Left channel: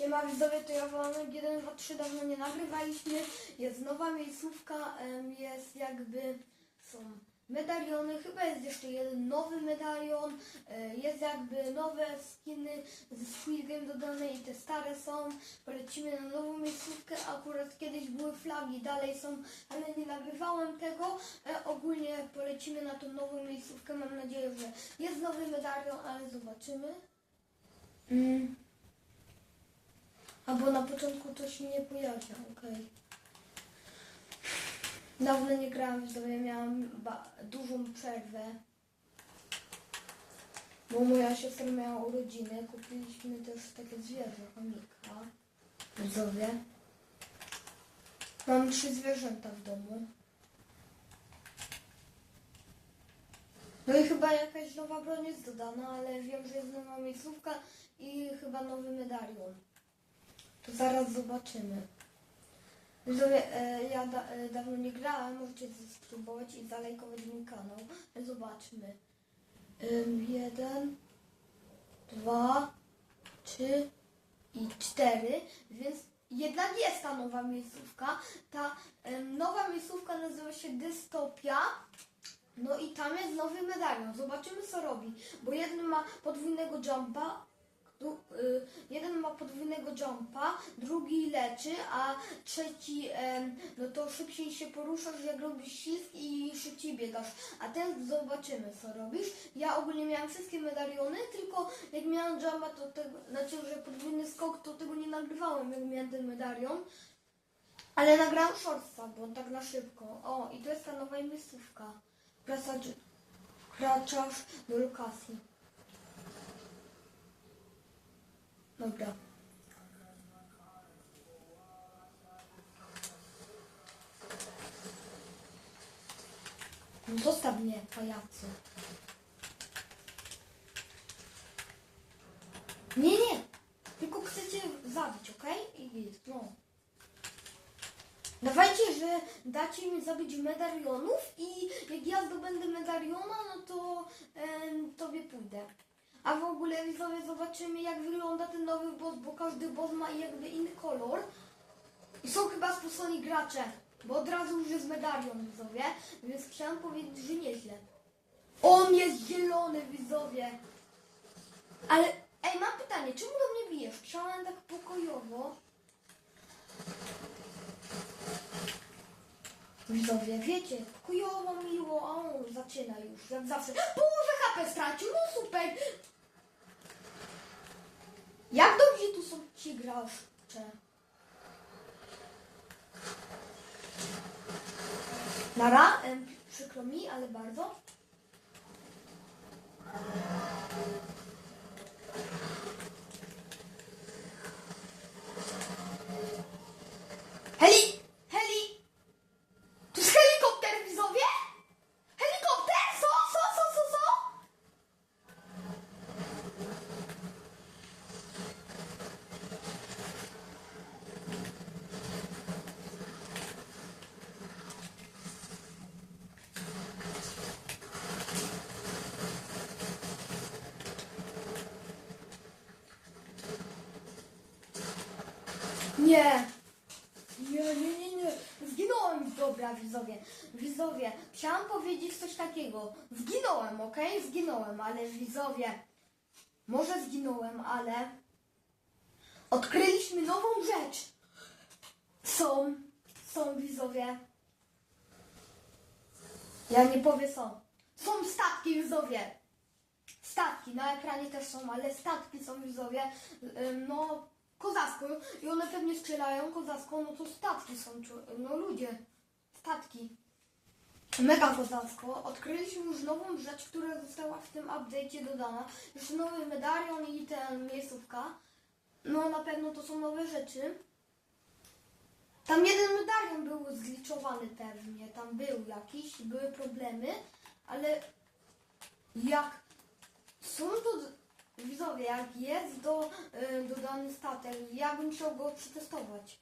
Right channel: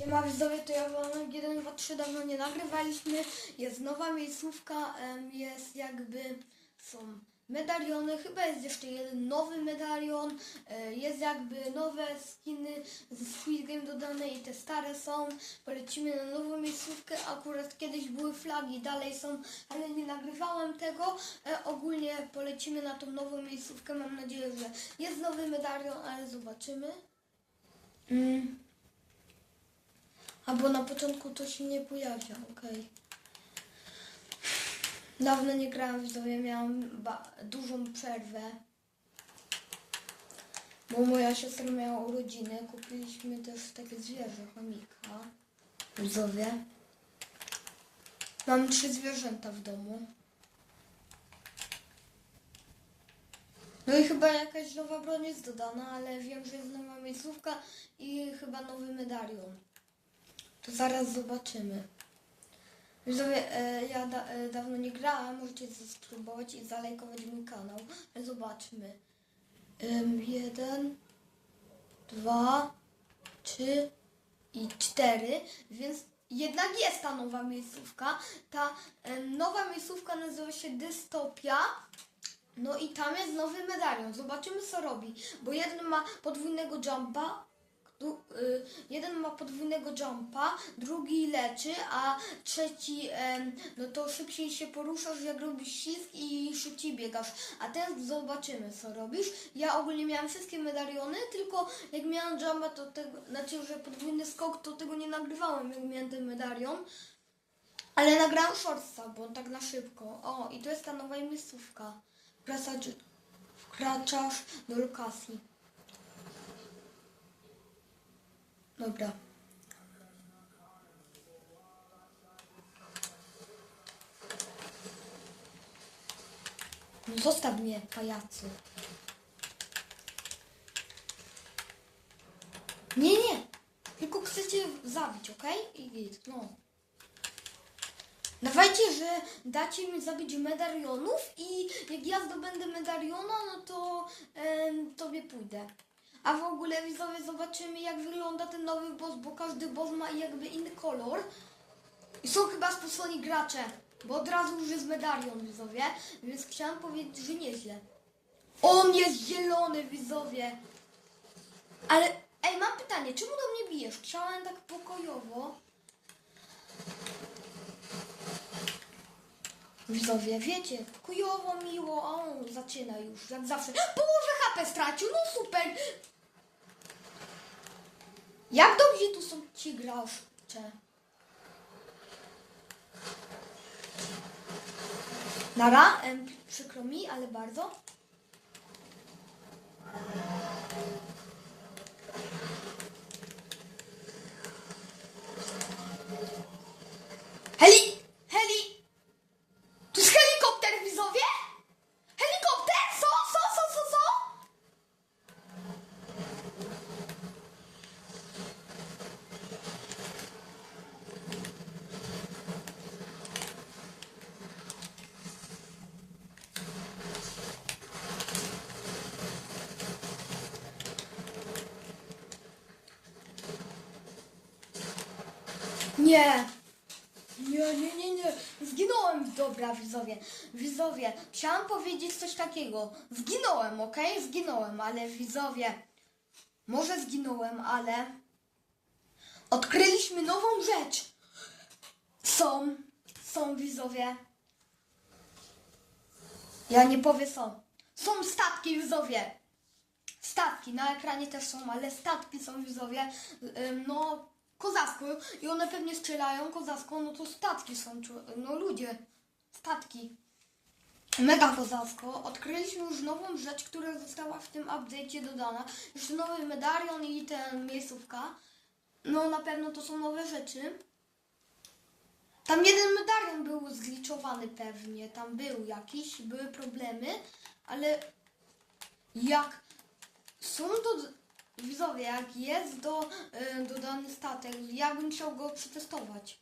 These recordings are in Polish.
Siema widzowie, to ja Wolnek 1, 2, 3 dawno nie nagrywaliśmy. Jest nowa miejscówka, jest jakby, są medaliony, chyba jest jeszcze jeden nowy medalion, e, jest jakby nowe skiny ze Squid Game dodane i te stare są. Polecimy na nową miejscówkę, akurat kiedyś były flagi, dalej są, ale nie nagrywałem tego. E, Ogólnie polecimy na tą nową miejscówkę, mam nadzieję, że jest nowy medalion, ale zobaczymy. Mm. A bo na początku to się nie pojawia, okej. Dawno nie grałam w sobie, miałam dużą przerwę. Bo moja siostra miała urodziny, kupiliśmy też takie zwierzę, chomika. Widzowie. Mam trzy zwierzęta w domu. No i chyba jakaś nowa broń jest dodana, ale wiem, że jest nowa miejscówka i chyba nowy medalion. To zaraz zobaczymy. Widzowie, e, ja da, e, dawno nie grałem, możecie subskrybować i zalajkować mój kanał. Zobaczmy. Jeden, dwa, trzy i cztery, więc jednak jest ta nowa miejscówka. Ta nowa miejscówka nazywa się Dystopia. No i tam jest nowy medalion. Zobaczymy co robi. Bo jeden ma podwójnego jumpa, du, y, jeden ma podwójnego jumpa, drugi leczy, a trzeci no to szybciej się poruszasz, jak robisz ślizg i szybciej biegasz. A ten zobaczymy co robisz. Ja ogólnie miałam wszystkie medaliony, tylko jak miałam jumpa, to tego, znaczy, że podwójny skok, to tego nie nagrywałem, jak miałem ten medalion. Ale nagrałam shortsa, bo tak na szybko. O, i to jest ta nowa miejscówka. Wkraczasz do lokacji. Dobra. No Zostaw mnie, pajacu. Nie, nie. Tylko chcecie zabić, okej? I git, no. Dawajcie, że dacie mi zabić medalionów i jak ja zdobędę medaliona, no to em, tobie pójdę. A w ogóle widzowie zobaczymy jak wygląda ten nowy boss, bo każdy boss ma jakby inny kolor. I są chyba spoconi gracze, bo od razu już jest medalion widzowie, więc chciałam powiedzieć, że nieźle. On jest zielony widzowie. Ale ej, mam pytanie, czemu do mnie bijesz? Chciałem tak pokojowo. Widzowie, wiecie, pokojowo, miło, o, zaczyna już, jak zawsze. Położę HP stracił, no super. Jak dobrze tu są ci gracze? Nara, przykro mi, ale bardzo. Heli! Heli! To jest helikopter, widzowie? Helikopter? Co? Co? Co? Co? Co? Nie. Nie, nie, nie, nie. Zginąłem. Dobra, widzowie. Widzowie, chciałam powiedzieć coś takiego. Zginąłem, okej? Zginąłem, ale widzowie. Może zginąłem, ale. Odkryliśmy nową rzecz. Są. Są widzowie. Ja nie powiem są. Są statki, widzowie. Statki, na ekranie też są, ale statki są widzowie, no kozacko i one pewnie strzelają kozacko, no to statki są, no ludzie, statki. Mega kozacko. Odkryliśmy już nową rzecz, która została w tym update'cie dodana. Już nowy medalion i ten miejscówka. No na pewno to są nowe rzeczy. Tam jeden medalion był zgliczowany pewnie, tam był jakiś, były problemy, ale jak są to widzowie, jak jest do, y, dodany statek, ja bym chciał go przetestować.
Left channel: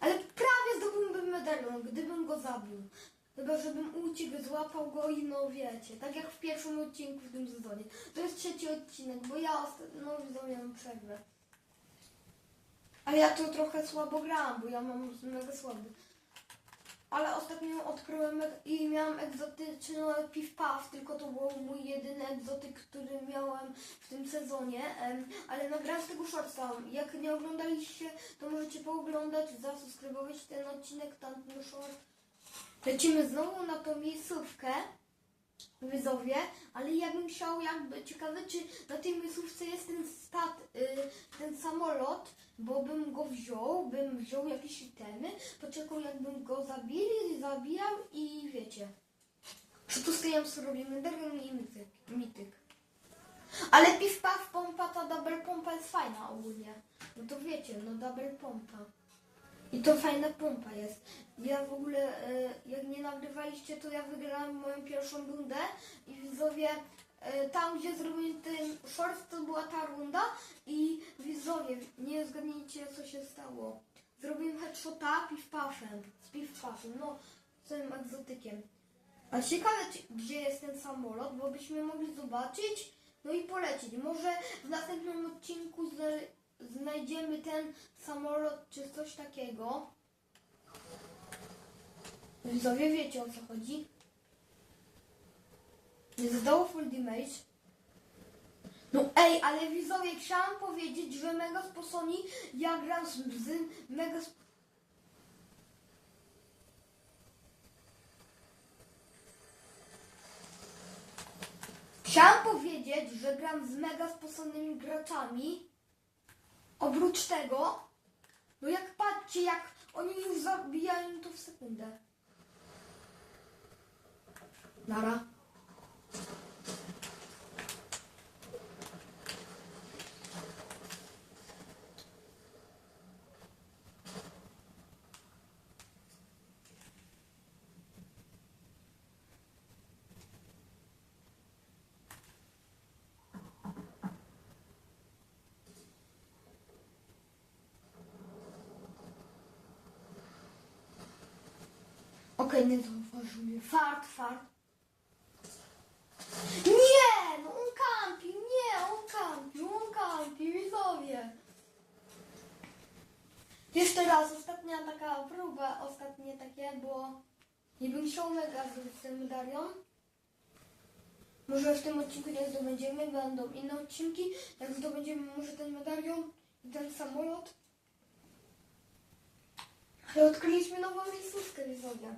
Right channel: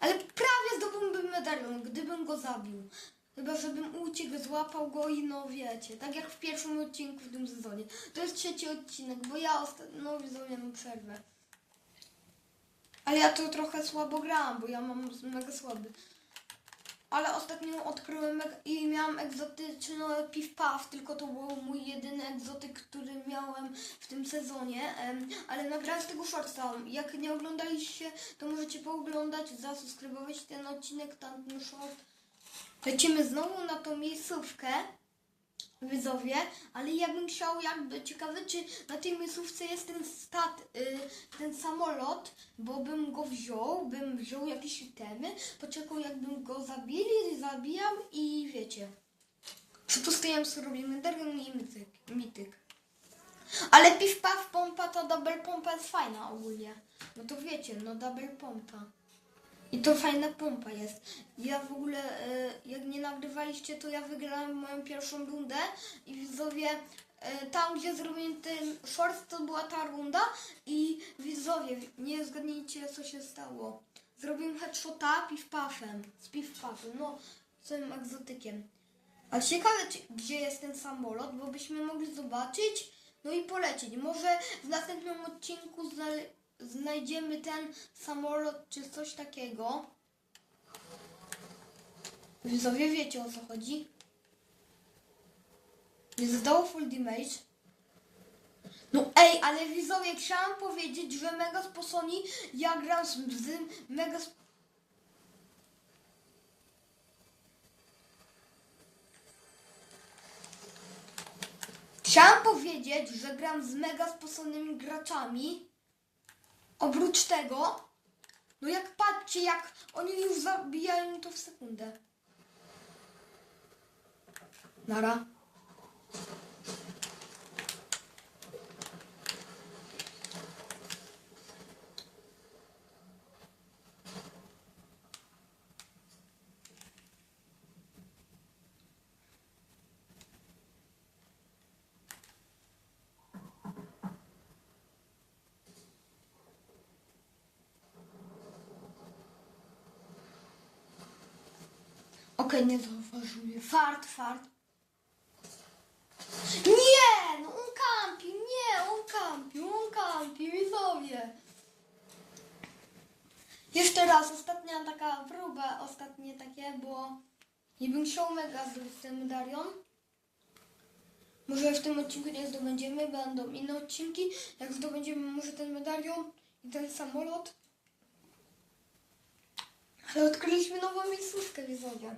Ale prawie zdobyłbym medalion, gdybym go zabił. Chyba, żebym uciekł, złapał go i no wiecie, tak jak w pierwszym odcinku w tym sezonie. To jest trzeci odcinek, bo ja ostatnio, no widzowie, mam przerwę. Ale ja tu trochę słabo grałam, bo ja mam mega słaby. Ale ostatnio odkryłem i miałam egzotyczny piw paw, tylko to był mój jedyny egzotyk, który miałem w tym sezonie. Ale nagrałem z tego shortsa. Jak nie oglądaliście, to możecie pooglądać, zasubskrybować ten odcinek, tamten short. Lecimy znowu na tą miejscówkę, widzowie, ale ja bym chciał jakby, ciekawe czy na tej miejscówce jest ten stat, y, ten samolot, bo bym go wziął, bym wziął jakieś itemy, poczekał jakbym go zabili, zabijał i wiecie. Przetustujemy robimy Dragon i mityk, mityk. Ale piw paw pompa, ta double pompa jest fajna ogólnie. No to wiecie, no double pompa. I to fajna pompa jest. Ja w ogóle, e, jak nie nagrywaliście, to ja wygrałam moją pierwszą rundę i widzowie, e, tam gdzie zrobiłem ten short, to była ta runda i widzowie, nie zgadnijcie co się stało. Zrobiłem headshota piw-pafem, z piw-pafem, no, całym egzotykiem. A ciekawe, gdzie jest ten samolot, bo byśmy mogli zobaczyć, no i polecieć. Może w następnym odcinku zna, znajdziemy ten samolot, czy coś takiego. Widzowie wiecie o co chodzi. Do full damage. No ej, ale widzowie, chciałam powiedzieć, że Mega Sposoni, ja gram z, Mega Chciałam powiedzieć, że gram z mega sposobnymi graczami. Oprócz tego, no jak patrzcie, jak oni już zabijają to w sekundę. Nara. Okej, nie zauważył mnie. Fart, fart. Nie! No on kampi, nie! On kampi, on kampi, widzowie. Jeszcze raz, ostatnia taka próba, ostatnie takie, bo nie bym chciał mega zrobić ten medalion. Może w tym odcinku nie zdobędziemy, będą inne odcinki. Jak zdobędziemy może ten medalion i ten samolot. Ale odkryliśmy nową miejscówkę, widzowie.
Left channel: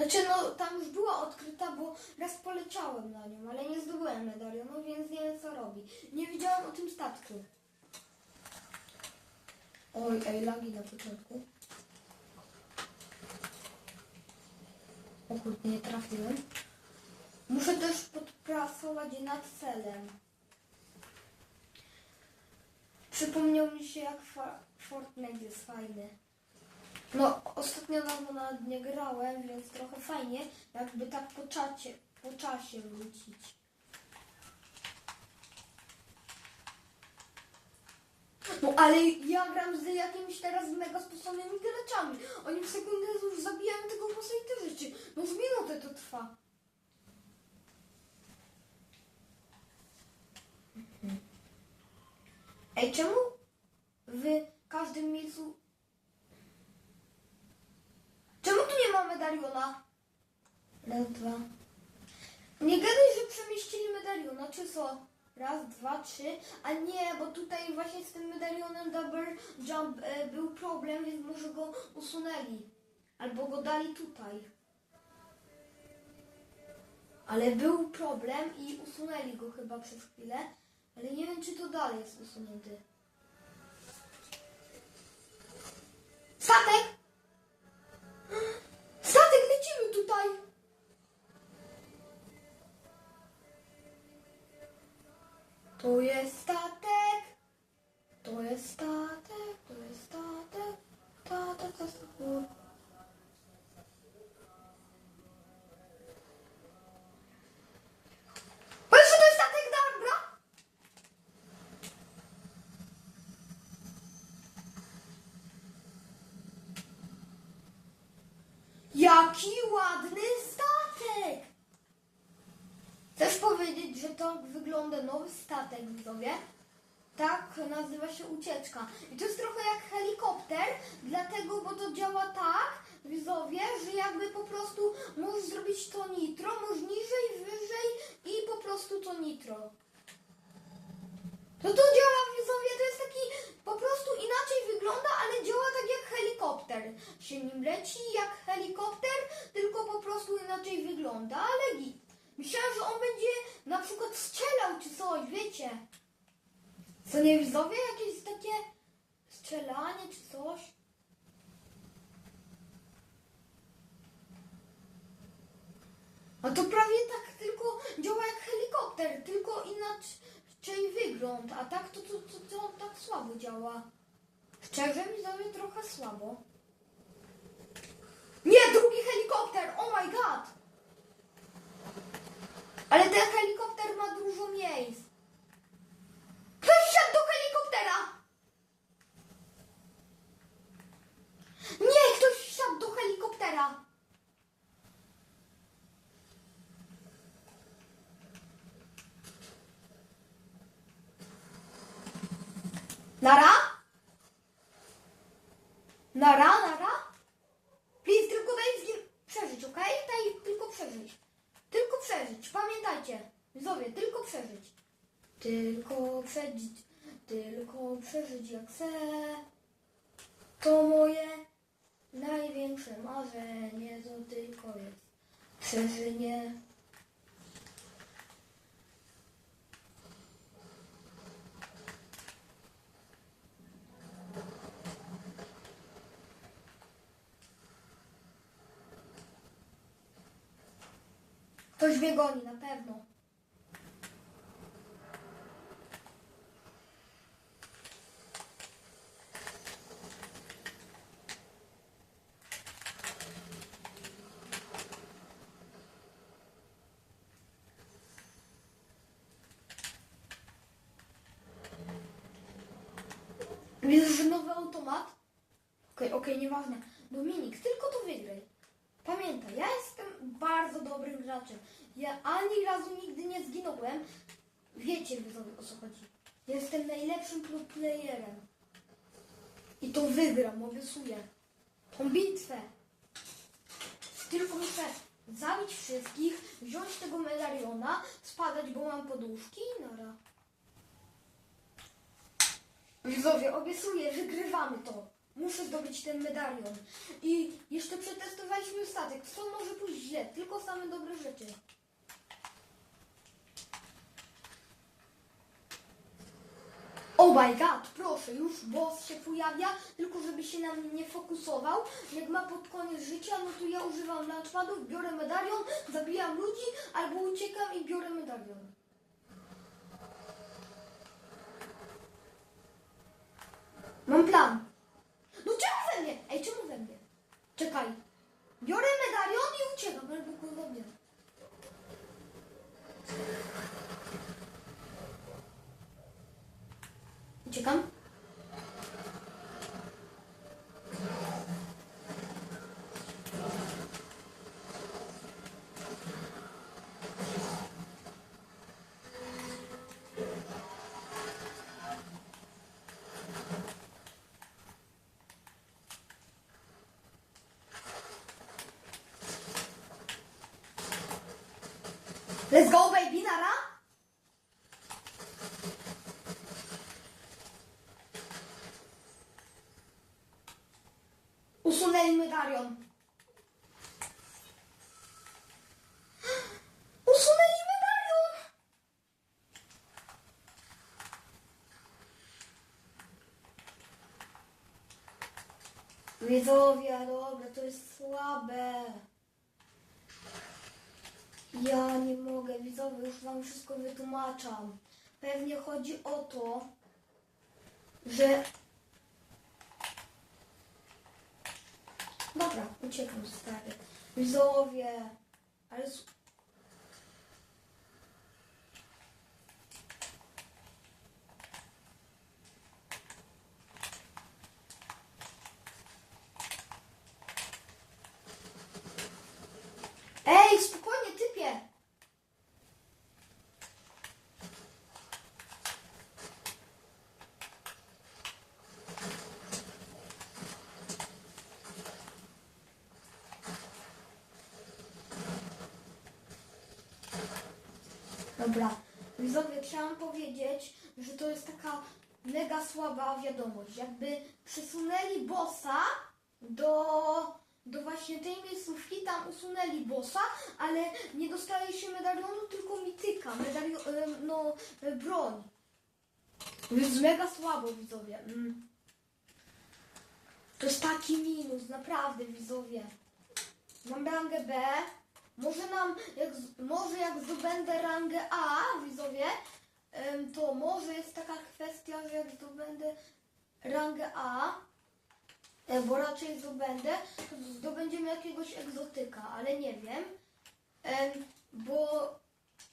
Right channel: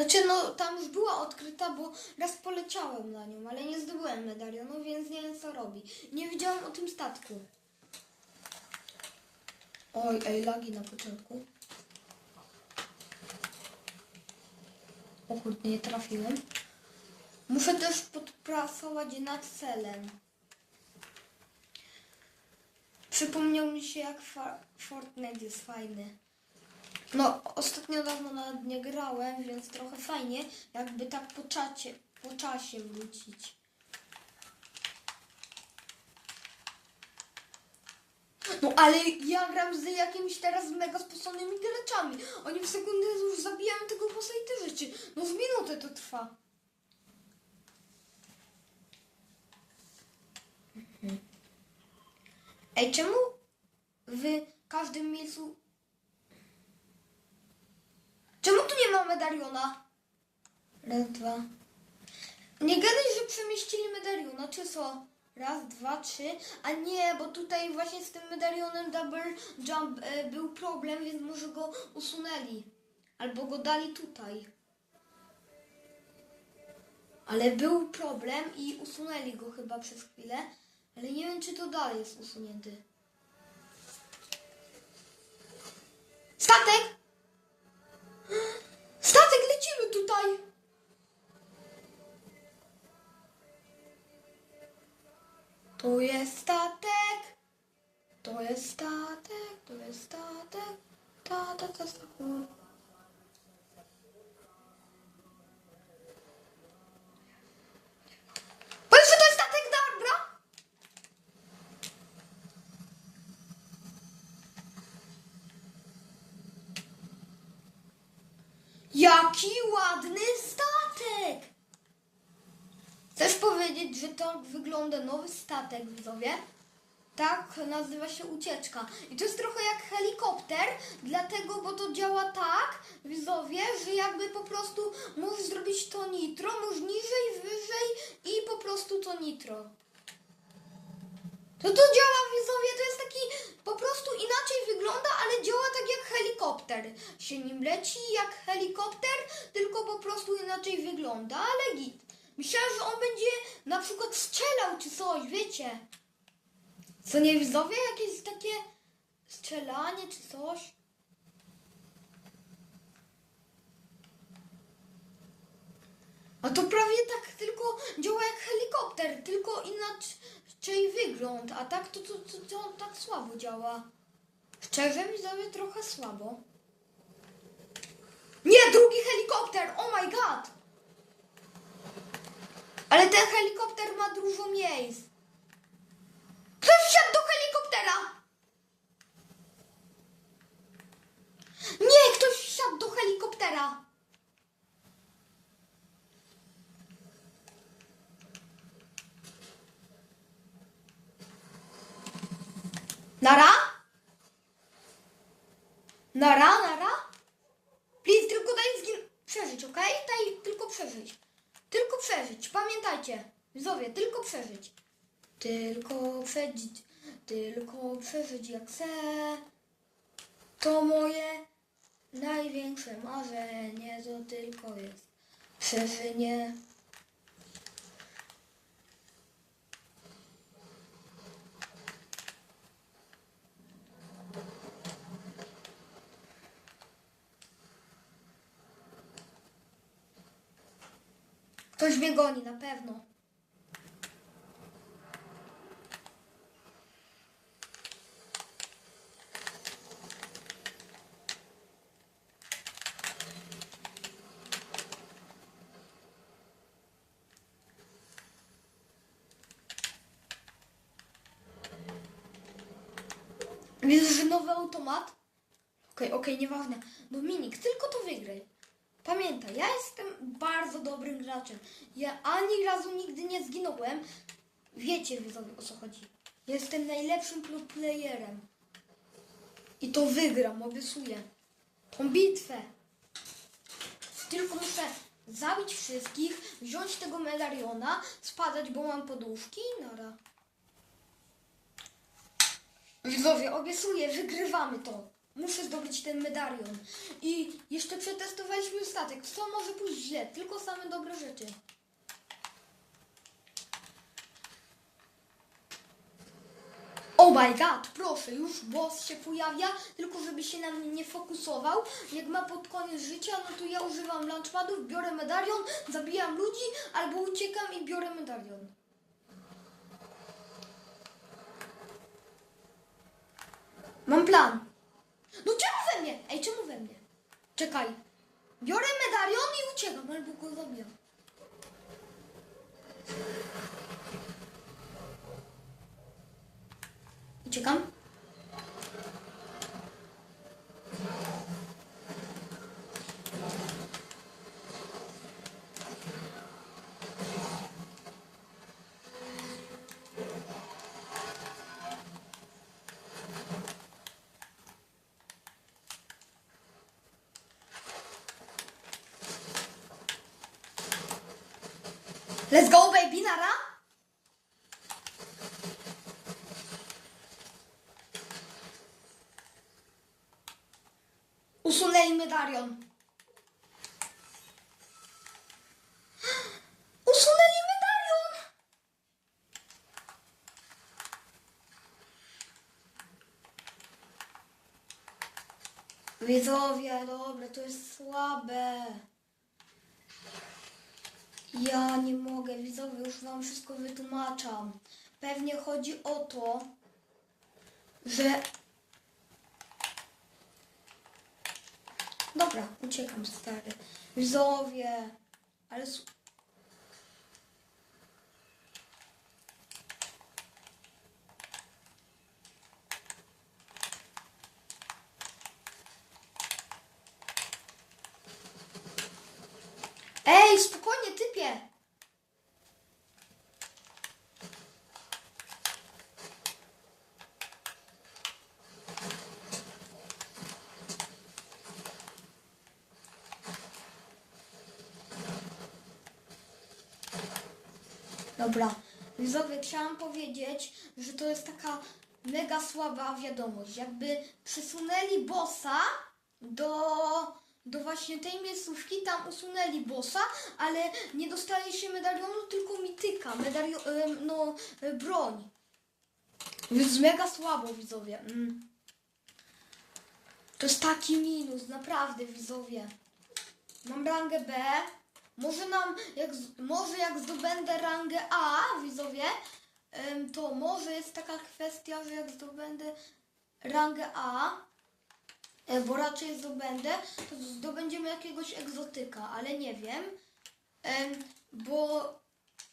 Znaczy, no tam już była odkryta, bo raz poleciałem na nią, ale nie zdobyłem medalionu, więc nie wiem co robi. Nie wiedziałem o tym statku. Oj, ej, lagi na początku. O kurde, nie trafiłem. Muszę też podpracować nad celem. Przypomniał mi się, jak Fortnite jest fajny. No, ostatnio dawno nawet nie grałem, więc trochę fajnie, jakby tak po, czacie, po czasie wrócić. No, ale ja gram z jakimiś teraz mega sposobnymi graczami. Oni w sekundę już zabijają tego bossa i te rzeczy. No, w minutę to trwa. Mhm. Ej, czemu w każdym miejscu Czemu tu nie ma medaliona? Raz, dwa. Nie gadaj, że przemieścili medaliona, czy co? Raz, dwa, trzy. A nie, bo tutaj właśnie z tym medalionem double jump e, był problem, więc może go usunęli. Albo go dali tutaj. Ale był problem i usunęli go chyba przez chwilę. Ale nie wiem, czy to dalej jest usunięty. Statek! To jest statek! To jest statek, to jest statek, ta, ta, ta, statek. Powiedz, że to jest statek, dobra? Jaki ładny statek! Chcesz powiedzieć, że tak wygląda nowy statek, widzowie. Tak nazywa się ucieczka. I to jest trochę jak helikopter, dlatego, bo to działa tak, widzowie, że jakby po prostu możesz zrobić to nitro, możesz niżej, wyżej i po prostu to nitro. To to działa, widzowie, to jest taki, po prostu inaczej wygląda, ale działa tak jak helikopter. Się nim leci jak helikopter, tylko po prostu inaczej wygląda, ale git. Myślałem, że on będzie na przykład strzelał czy coś, wiecie. Co nie widzowie? Jakieś takie strzelanie czy coś? A to prawie tak tylko działa jak helikopter, tylko inaczej wygląd. A tak to, to, to, to tak słabo działa. Szczerze widzowie trochę słabo. Nie, drugi helikopter! Oh my god! Ale ten helikopter ma dużo miejsc. Ktoś wsiadł do helikoptera! Nie, ktoś wsiadł do helikoptera! Nara nara? Please, tylko daj zgin... przeżyć, okej? Daj tylko przeżyć. Tylko przeżyć, pamiętajcie. Widzowie, tylko przeżyć. Tylko przeżyć, tylko przeżyć jak chcę. To moje największe marzenie, to tylko jest przeżycie. Ktoś mnie goni, na pewno. Widzę, że nowy automat. Okej, okej, nieważne. Dominik, tylko to wygraj. Pamiętaj, ja jestem bardzo dobrym graczem. Ja ani razu nigdy nie zginąłem. Wiecie widzowie o co chodzi. Jestem najlepszym playerem. I to wygram, obiecuję. Tą bitwę. Tylko muszę zabić wszystkich, wziąć tego medaliona, spadać, bo mam poduszki i nara. Widzowie, obiecuję, wygrywamy to. Muszę zdobyć ten medalion. I jeszcze przetestowaliśmy statek. Co może pójść źle? Tylko same dobre rzeczy. Oh my god, proszę, już boss się pojawia, tylko żeby się na mnie nie fokusował. Jak ma pod koniec życia, no to ja używam launchpadów, biorę medalion, zabijam ludzi, albo uciekam i biorę medalion. Mam plan. No czemu we mnie? Ej, czemu we mnie? Czekaj. Biorę medalion i uciekam, albo go zabijam. Uciekam. Let's go, baby, nara! Usunęli medalion. Usunęli medalion! Widzowie, dobra, to jest słabe. Ja nie mogę, widzowie, już wam wszystko wytłumaczam. Pewnie chodzi o to, że... Dobra, uciekam stary. Widzowie, ale... s- Ej, spokojnie, typie! Dobra. Widzowie, chciałam powiedzieć, że to jest taka mega słaba wiadomość. Jakby przesunęli bossa do, do właśnie tej miejscówki, tam usunęli bossa, ale nie dostaje się medalionu, tylko mityka, medalio, no, broń. Więc mega słabo, widzowie. Mm. To jest taki minus, naprawdę, widzowie. Mam rangę B. Może nam, jak, może jak zdobędę rangę A, widzowie, to może jest taka kwestia, że jak zdobędę rangę A, bo raczej zdobędę, to zdobędziemy jakiegoś egzotyka, ale nie wiem, em, bo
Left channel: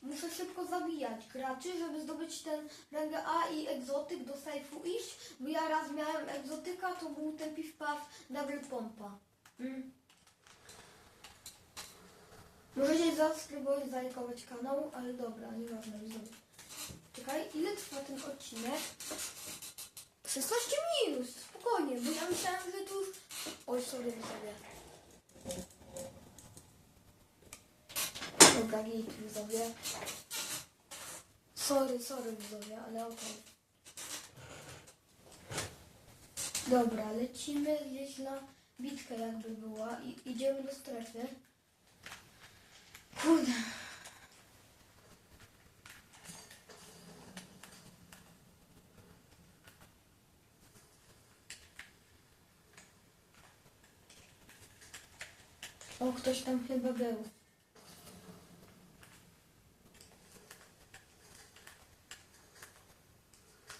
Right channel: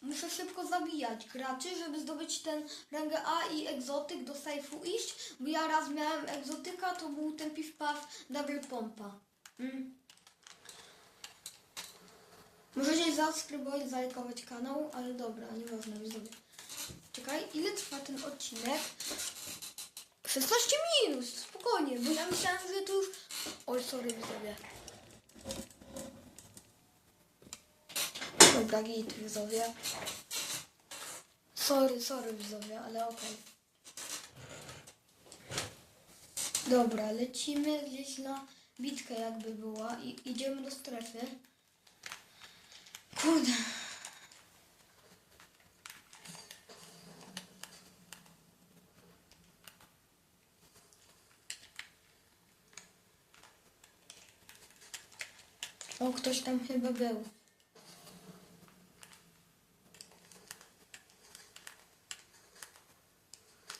muszę szybko zabijać graczy, żeby zdobyć ten rangę A i egzotyk do sejfu iść, bo ja raz miałem egzotyka, to był ten piw paw double pompa. Mm. Możecie zasubskrybować, zalajkować kanał, ale dobra, nieważne, widzowie. Czekaj, ile trwa ten odcinek? 16 minut, spokojnie, bo ja myślałam, że to już... Oj, sorry, widzowie. Dobra, git, widzowie. Sorry, sorry, widzowie, ale okej. Dobra, lecimy gdzieś na bitkę jakby była i idziemy do strefy. Kurde. O, ktoś tam chyba był.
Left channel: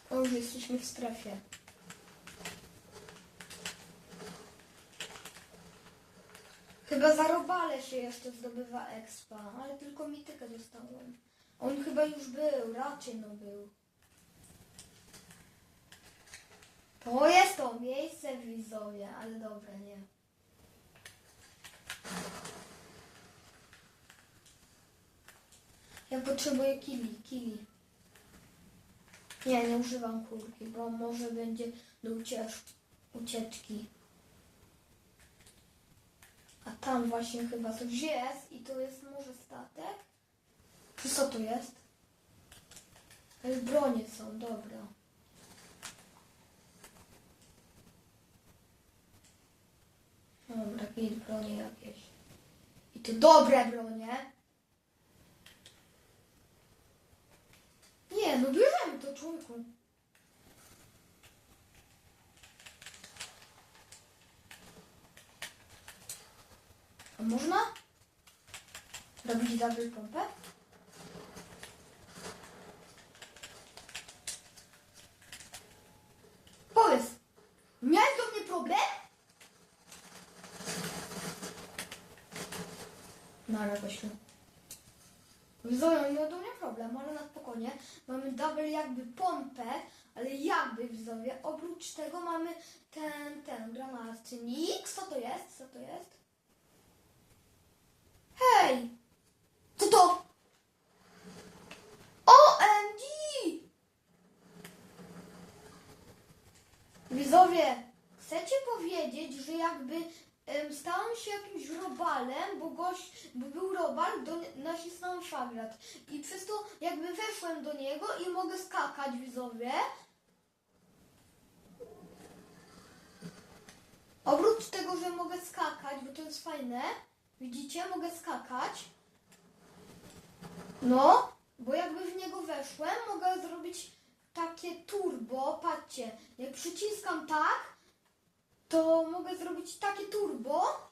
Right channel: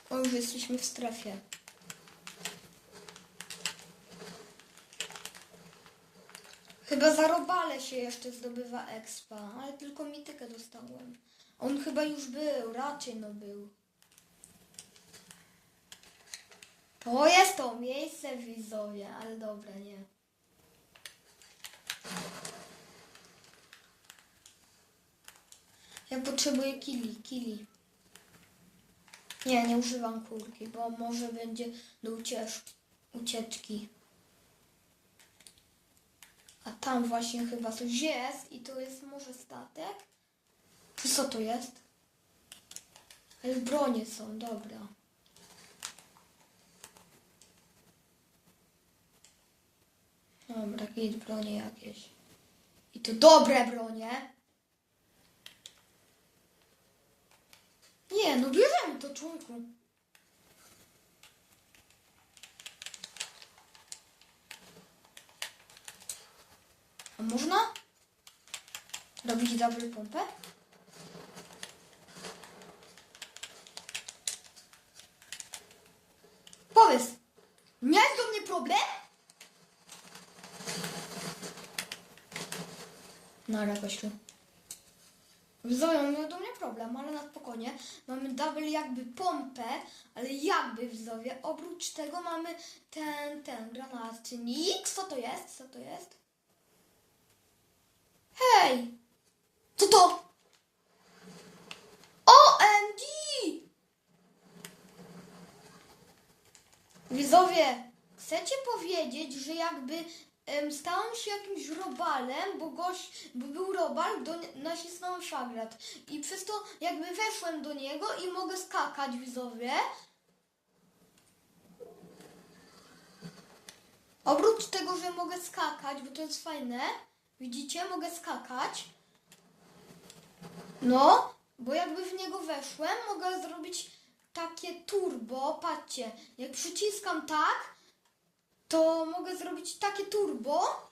O, już jesteśmy w strefie. Chyba za robale się jeszcze zdobywa expa, ale tylko mitykę dostałem. On chyba już był, raczej no był. To jest to miejsce w Wizowie, ale dobra, nie. Ja potrzebuję kili, kili. Nie, nie używam kurki, bo może będzie do uciecz ucieczki. A tam właśnie chyba coś jest i to jest może statek? Czy co to jest? Ale bronie są, dobra. Dobra, jakieś bronie jakieś. I to dobre bronie. Nie, no bierzemy to członku. A można? Robić double pompę? Powiedz, miałeś do mnie problem? No ale gościu. Widzowie, mamy do mnie problem, ale na spokojnie. Double jakby pompę, ale jakby widzowie. Oprócz tego mamy ten, ten granatnik. Co to jest? Co to jest? Hej! Co to? OMG! Widzowie, chcecie powiedzieć, że jakby em, stałem się jakimś robalem, bo gość, bo był robal, do, nacisnąłem szagrat. I przez to jakby weszłem do niego i mogę skakać, widzowie. Oprócz tego, że mogę skakać, bo to jest fajne, widzicie, mogę skakać. No, bo jakby w niego weszłem, mogę zrobić takie turbo, patrzcie, jak przyciskam tak, to mogę zrobić takie turbo.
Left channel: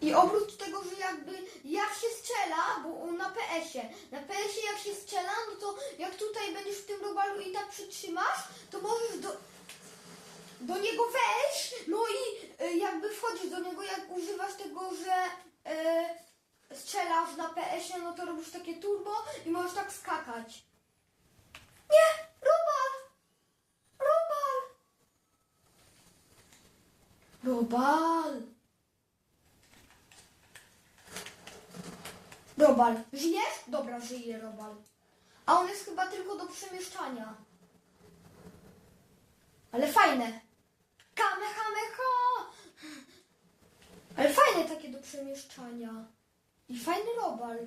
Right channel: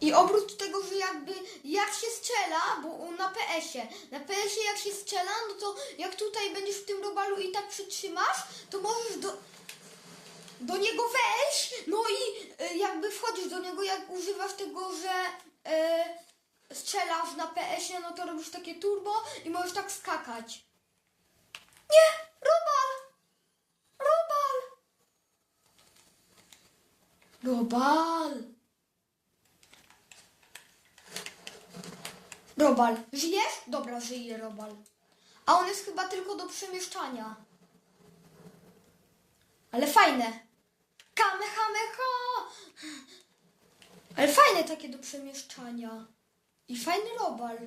I oprócz tego, że jakby jak się strzela, bo na PS-ie, na PS-ie jak się strzela, no to jak tutaj będziesz w tym robalu i tak przytrzymasz, to możesz do, do niego wejść, no i y, jakby wchodzisz do niego, jak używasz tego, że y, strzelasz na PS-ie, no to robisz takie turbo i możesz tak skakać. Nie! Robal! Robal! Robal! Robal. Żyjesz? Dobra, żyje Robal. A on jest chyba tylko do przemieszczania. Ale fajne. Kamehameha! Ale fajne takie do przemieszczania. I fajny robal.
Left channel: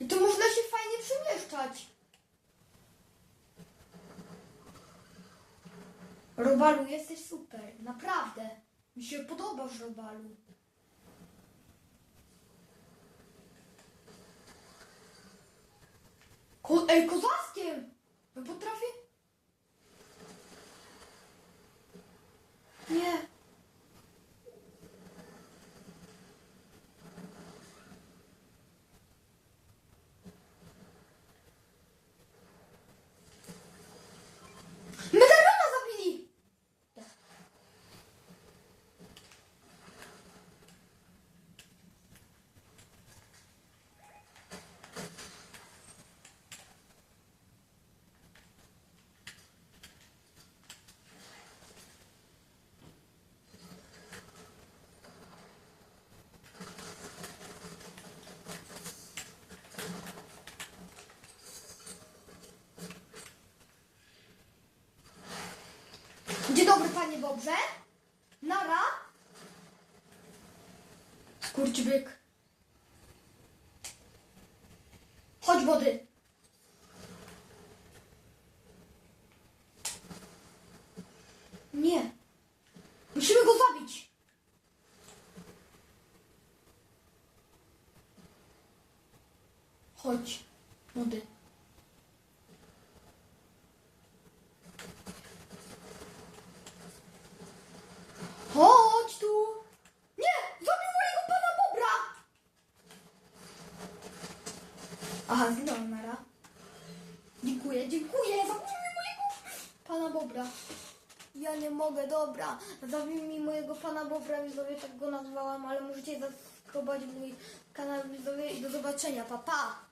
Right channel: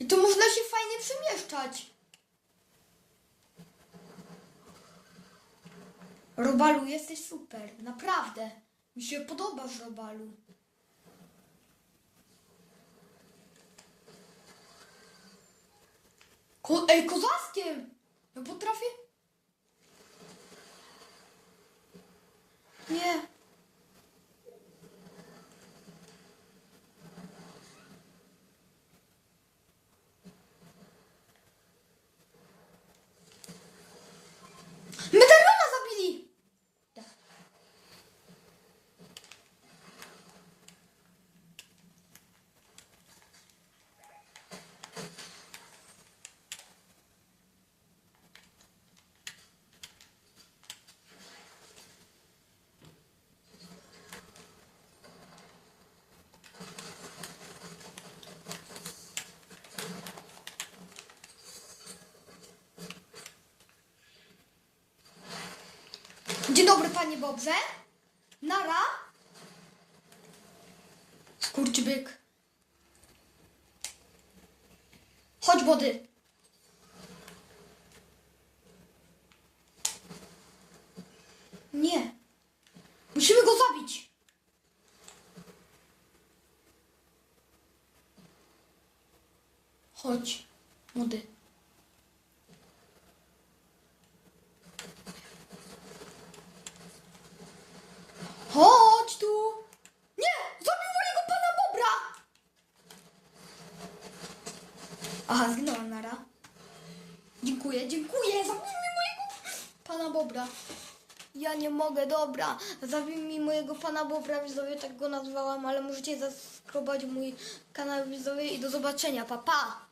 I tu można się fajnie przemieszczać. Robalu, jesteś super, naprawdę. Mi się podobasz, Robalu. Ko Ej, kozackiem! Ja potrafię... Nie. Medaliona zabili! Dzień Bobrze. Nara. Skurczybyk. Chodź, wody. Nie. Musimy go zabić. Chodź, młody. Chodź tu! Nie! Zabił mojego pana Bobra! Aha, zginęła nara. Dziękuję, dziękuję! Zabił mi mojego pana Bobra. Ja nie mogę, dobra. Zabił mi mojego pana Bobra, widzowie, tak go nazwałam, ale możecie zaskrobać mój kanał widzowie i do zobaczenia, pa pa!